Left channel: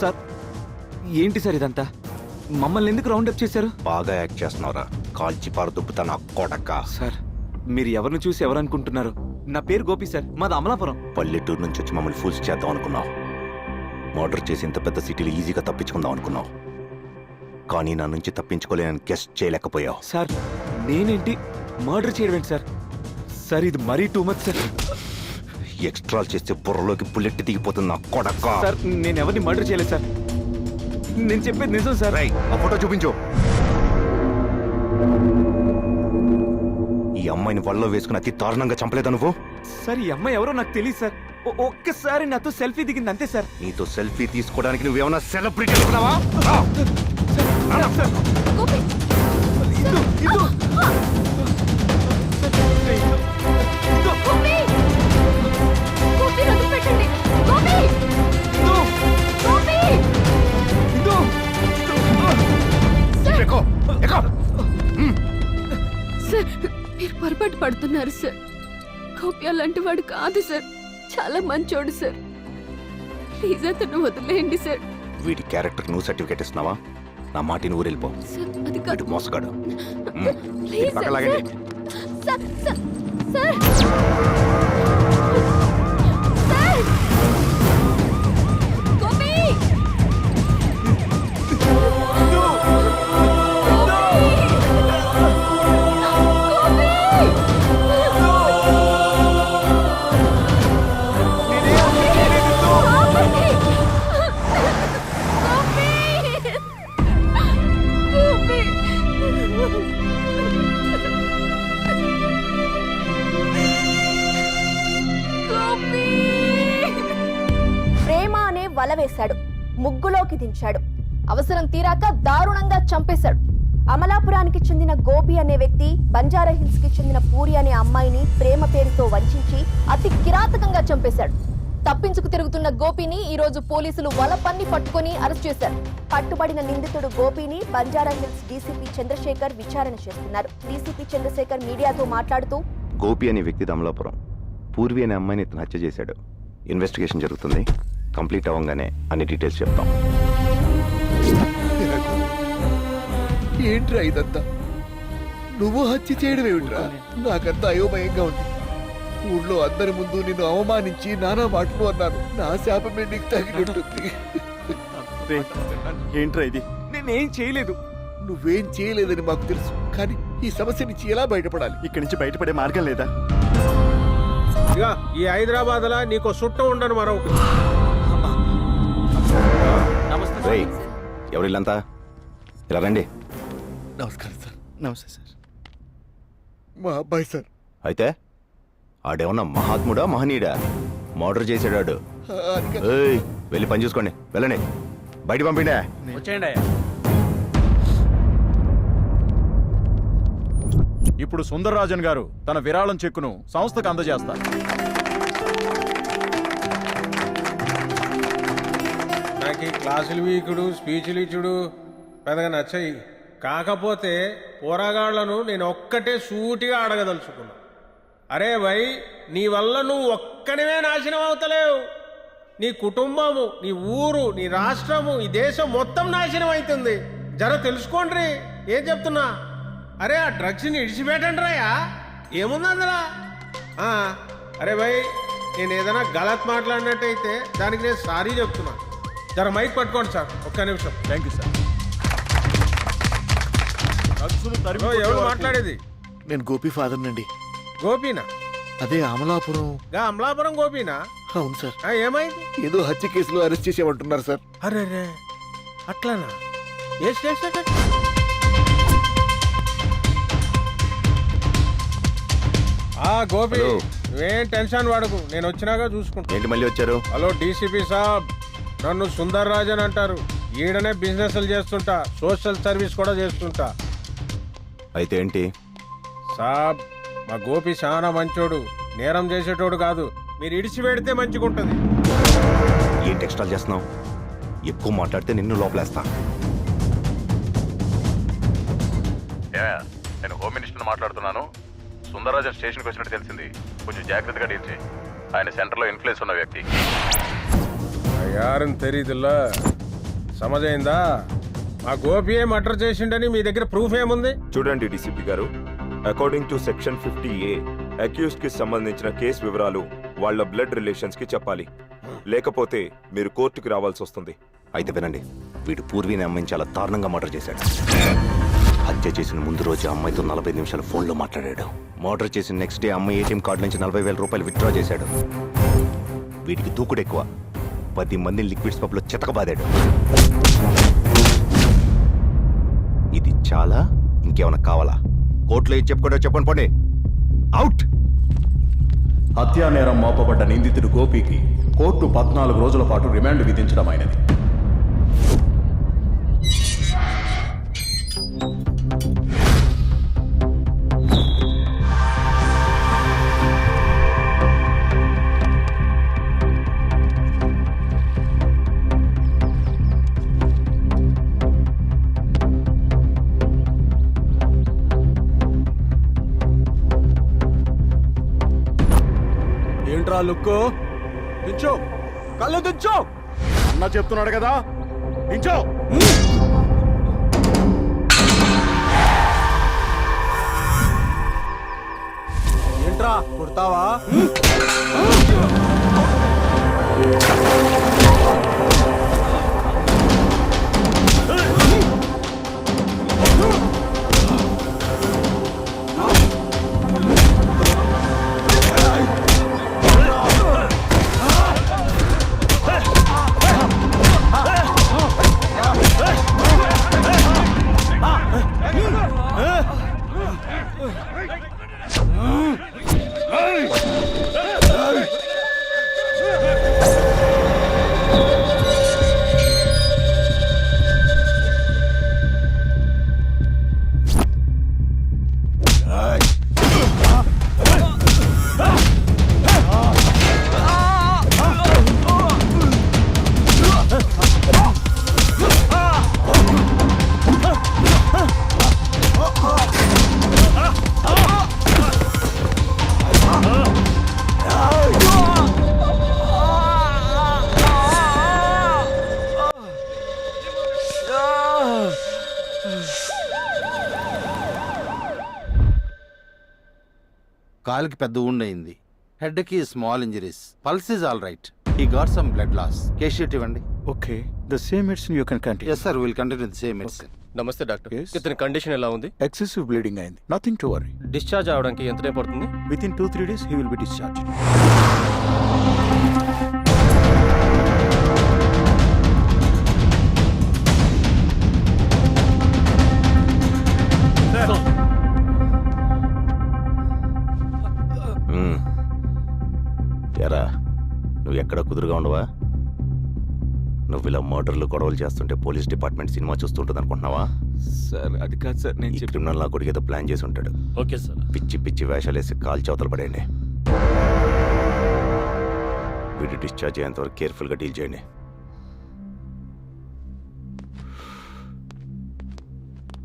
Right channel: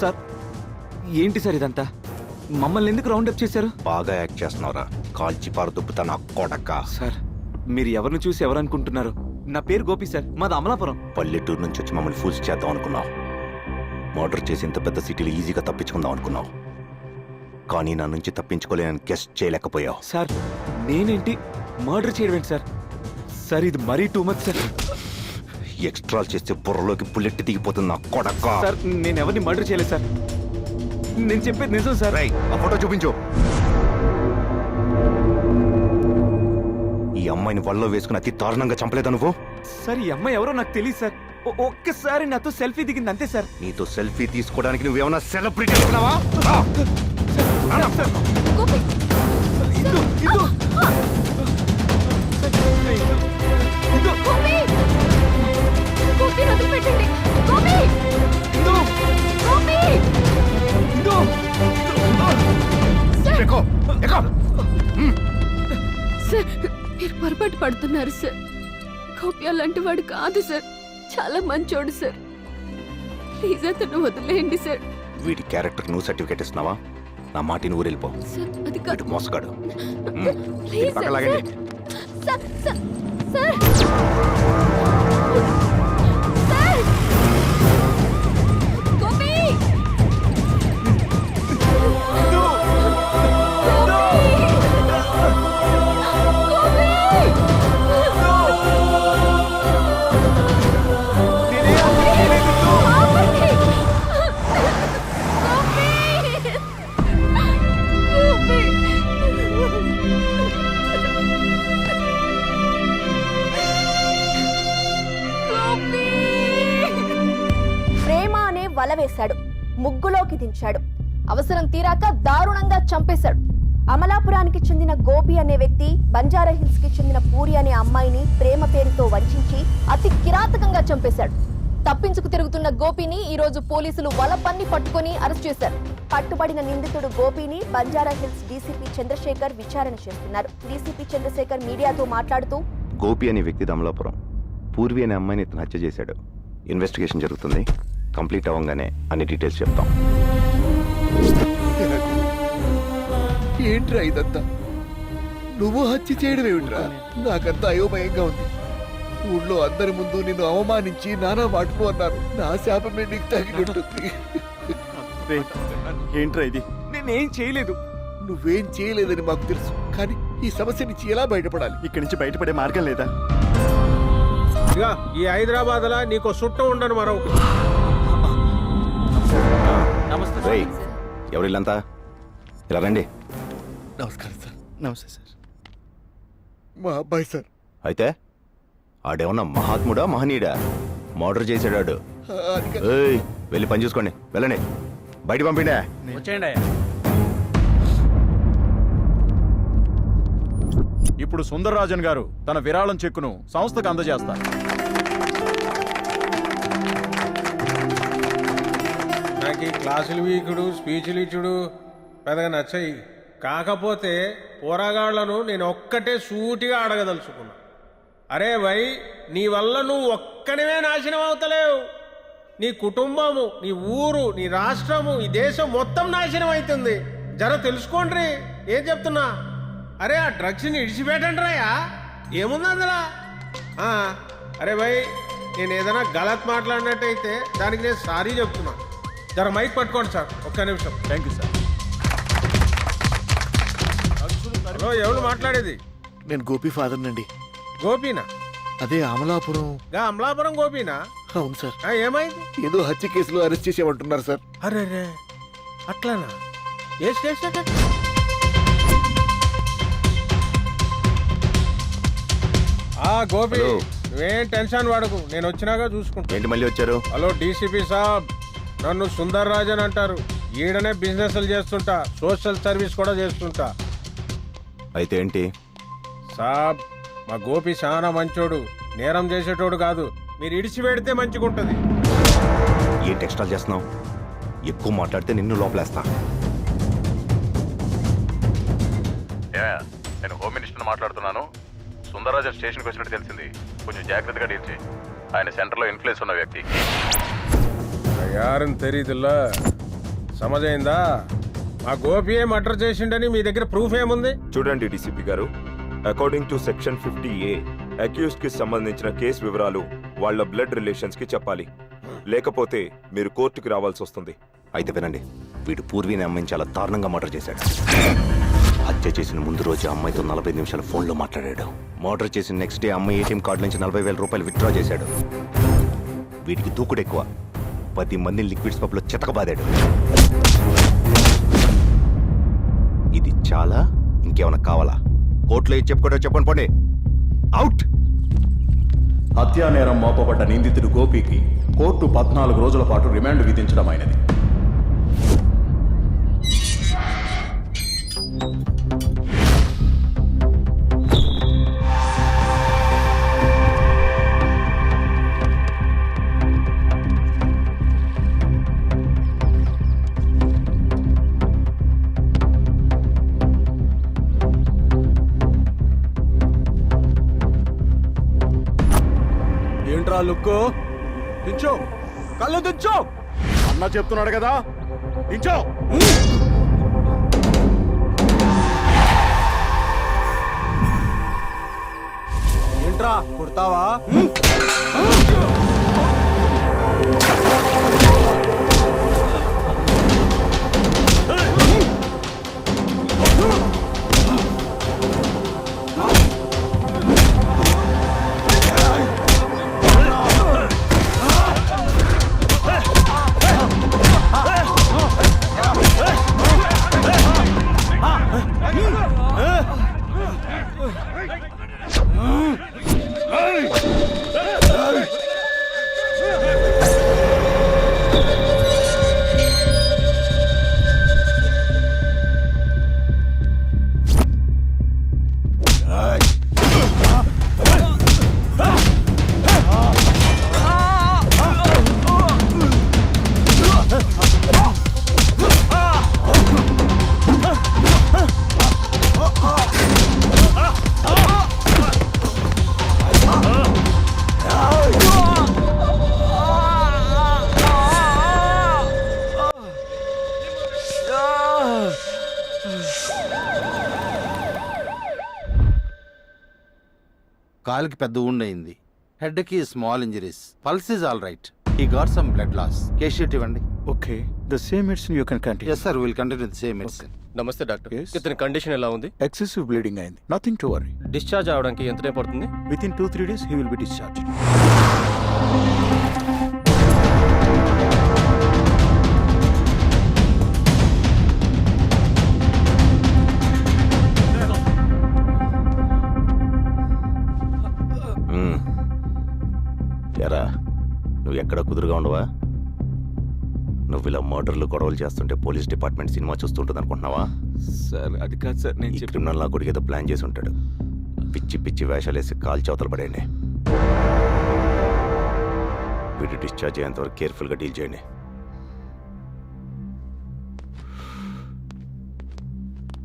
Sir ఏంటి sir ఇదంతా? మమ్మల్ని ఎందుకు రౌండప్ చేశారు? బాగా యాక్ట్ చేస్తున్నావురా, కాల్చి పారదొబ్బుతా నా కొడక. సార్ మీరు ఎవరిని చూసి ఎవరనుకుంటున్నారు? నా పేరు గోపి సార్, మాది అమలాపురం. పల్లెటూరు నుంచి వచ్చి మమ్మల్ని ఫూల్స్ చేద్దాం అనుకున్నావు. మర్డర్ చేసి ఇంత పెద్ద సిటీలో ఈజీగా తప్పించుకుందాం అనుకున్నావు, కానీ నా నుంచి తప్పించుకోలేనని గెస్ట్ చేయలేకపోయావు. సార్ నేనేంటి మర్డర్ చేయడం ఏంటి సార్? సార్ ఇది మరీ టూ మచ్ సార్. ఎక్స్ట్రాల్ చేస్తే బుర్రలోకి బుల్లెట్ దిగిపోతుంది నా కొడక. సార్ నేను ఎవరిని మర్డర్ చేయలేదు సార్, నేను చెప్పేది నిజం సార్. ఆ ఫోటో చూపించు. ఈ అమ్మాయిని వల్లో వేసుకుని అతి దారుణంగా చంపలేదా నువ్వు? సార్ ఈ అమ్మాయి ఎవరో నాకు తెలియదు సార్, ఒక్కసారి నాతో సెల్ఫీ దిగింది అంతే సార్. నీతో సెల్ఫీ తీసుకోవడానికి నువ్వేమన్నా సెలబ్రిటీ అనుకున్నావా? గోపి గోపి గోపి వదిలిపెట్టండి. గోపి గోపి సార్ మీరు పొరపాటు పడుతున్నారు సార్. గోపి అలాంటి వాడు కాదు సార్, చాలా మంచోడు సార్. ప్లీజ్ అతను వదిలేయండి సార్. వీడి క్యారెక్టర్ నువ్వు సర్టిఫికేట్ ఇస్తున్నావా? నా మాటిని ఊరెళ్ళిపో. సార్ అది కాదు, వీడు మోసగాడు. Please sir. పక్కలాగండి. Sir sir sir sir Gopi ప్రేమ అనే వల వేశాడు, ముగ్గులోకి దించాడు, అవసరం తీరాక దారుణంగా చంపేశాడు. అమలాపురానికి చెందిన గోపి అనే వ్యక్తి బంజారా హిల్స్ కి చెందిన పూరి అనే అమ్మాయిని ప్రేమ పేరుతో వంచించి అతి కిరాతకంగా చంపేశాడు. తప్పించుకు తిరుగుతున్న గోపిని ఈ రోజు పోలీసులు వల పన్ని పట్టుకుని అరెస్ట్ చేశారు. పట్టుబడిన నిందితుడు గోపిని బంజారా హిల్స్ డీసీపీ చంద్రశేఖర్ విచారణ చేస్తున్నారు. డీసీపీ చంద్రశేఖర్ మీడియాతో మాట్లాడుతూ, గోపి అనే వ్యక్తి అమలాపురం, పూర్వి అనే అమ్మాయిని ఇతను హత్య చేశాడు. ఇన్వెస్టిగేషన్ జరుగుతుంది, కంప్లీట్ అవ్వగానే అన్ని డీటెయిల్స్ చెప్తాం. ఏంట్రా ఇదంతా? నువ్వు హత్య చేయడం ఏమిట్రా? నాకంతా అయోమయంగా ఉంది. ఊళ్ళో అందరి ముందు నిన్ను అవమానించి నానా మాటలు అన్నారు. నా శాపమే నీకు తగిలింటుంది. ఏంట్రా ఇది? నేనేం చేయలేదు. నువ్వేం చేయలేదని మాకు తెలుసు, కానీ ఈ సమస్య నుంచి ఎలా బయటపడాలి? ఇక్కడి నుంచి బయటపడే మార్గం లేదా? ఇక ఈ హైదరాబాద్ లా నీకు చుట్టం ఉండను మరొక. ఎవరిల్లంతా ఇలా రండి. నమస్కారం సార్. నమస్తే సార్. మా అబ్బాయి సార్. అయితే ఆడేమన్నా మహాత్ముడా మహనీయుడా? మర్డర్ చేసాడాడు. అది కాదు. ఏయ్, వెళ్ళి పని చూసుకోండి, వెళ్ళండి. బయట పంపిండే. వచ్చేయండి. ఇప్పుడు సుందరరాజన్ గారు తన విరాళం చెక్కును సంస్థకు అందజేస్తారు. నాకు ఈ క్లాసులు వీకుడు స్పీచ్లు ఇచ్చుడు పెద్దగా నచ్చాయి. కాకపోతే పోరాగాళ్లను నేను ఒక్కటే సూటిగా అడగదలుచుకున్నా. అరే భయ్, నీ వల్ల నువ్వు ఒక్కనివే నాశనం అవుతలేవు. నీ కుటుంబము, నీ ఊరు, నీ రాష్ట్రము, ఈ దేశం మొత్తం నాశనం అవుతుంది. జర తెలుసుకోండి ఏం చెప్తున్నా. అరే ఆ డ్రగ్స్ని ఇడిచిపెట్టండి రాయా, ఏముంది అందులో? అరే భయ్, నేను ఏదైనా గలత్ మాట్లాడినట్టయితే దానికి నేను సారీ చెప్తున్నా. జర మైక్ పట్టుకోండి సార్, ఒక్క నిమిషం. Thank you sir. ఎవరు మాట్లాడేది? నేను గోపి ఫాదర్ నండి. గోపీనా? అదే అమలాపురం. అమలాపురం గోపీనా? అవును సార్. ఏమైంది? ఏదో హత్య కేసులో అరెస్ట్ చేసేమంటున్నారు సార్. అరే రే, అట్లానా? ఏ స్టేషన్? గోపి, హలో. నువ్వేం టెన్షన్ పడకు, నేను వచ్చినాక చూసుకుంటా. ఏంటి మళ్ళీ వచ్చారు? హలో డీసీపీ సాబ్, నన్ను సుందర్ రాజన్ అంటారు. ఈడనే బిజినెస్లు చేస్తుంటా, సోషల్ సర్వీస్ కూడా చేస్తుంటా. అయితే ఏంటి? సాబ్, మా గోపి చాలా మంచోడు, నేరం చేసేటోడు కాదు. మీరు ఇడిచి పెడితే మంచిగుంటది. ఏంటి ఎక్స్ట్రా చేస్తున్నావు? ఎక్కువ మాట్లాడితే నిన్ను లోపలేస్తా. నేను హోమ్ మినిస్టర్ మాట్లాడుతున్నాను. సుందరరాజన్ స్టేషన్కి వచ్చినట్టు తెలిసింది. కొంచెం జాగ్రత్తగా డీల్ చేయి. ఆయన సెంటర్లో ఇన్ఫ్లుయెన్స్ ఉన్న వ్యక్తి. யாருன்னு தெரியுதுல்ல? సమజైందా? మా గోపియే మర్డర్ చేసిండని మీ దగ్గర ప్రూఫ్ ఏముంది? చూడండి డీసీపీ గారు, according to section 50A accused కి సంబంధించిన కేసు వివరాలు వాళ్ళ బ్లడ్ రిలేషన్స్ కి చెప్పాలి, లేకపోతే మీరు కోర్టుకి రావాల్సి వస్తుంది. అయితే వినండి, వీడు పూర్వీని అమ్మాయిని చాలా దారుణంగా మర్డర్ చేశాడు. హత్య చేసిన ముందు రోజు అమ్మాయితో 45 నిమిషాలు ఫోన్లో మాట్లాడాడు. మర్డర్ చేసిన నెక్స్ట్ డే అమ్మాయి ఏటీఎం కార్డు నుంచి 40,000 రూపాయలు విత్డ్రా చేశాడు. వీడికి దూకుడు ఎక్కువ. 10 మందిని లిక్విడ్స్ పబ్లో చితకబాదాడు. ఇది చాలా? ఇంకేమైనా కావాలా? కోర్టులో ఏం చెప్పుకోవడం చెప్పండి, పోండి. అవుట్. హత్యా నేరం మోపబడ్డ నిందితుడు గోపికి కోర్టు 14 రోజుల పాటు రిమాండ్ విధించడం అయినది. ఏంట్రా లుక్కు? దించో, కళ్ళు దించో. అన్న చెప్తున్నాడు కదా, దించో. ఏంట్రా కొడతావా? కాలికి పెద్ద wound అయింది. హెడ్ కి small injuries. Pulse is all right. He got some blood loss. Case sheet ఇవ్వండి. Okay, the same medicine you can continue. Yes sir, will continue the same medicine. నమస్తే డాక్టర్. Yes. ఇతని condition ఎలా ఉంది? Excessive bleeding అయింది. Nothing to worry. Discharge అవడానికి ఎంత time పడుతుంది? Within 2-3 days he will be discharged. ఎరా, నువ్వు ఎక్కడ కుదురుగా ఉండవా? నువ్వు ఇలా మర్డర్లు గొడవలు చేస్తుంటే పోలీస్ డిపార్ట్మెంట్ సినిమా చూస్తుంటుంది అనుకుంటున్నావా? సార్ అది కాదు సార్, నేను ఈ క్రిమినల్ నా కొడుకు ఏదో ప్లాన్ చేసి ఉంటాడు. Okay sir. పిచ్చి పిచ్చి వేషాలేసి కాల్ చవతలు పడేయండి. వీడు డిశ్చార్జ్ అయ్యేంతవరకు కేర్ఫుల్గా డీల్ చేయండి.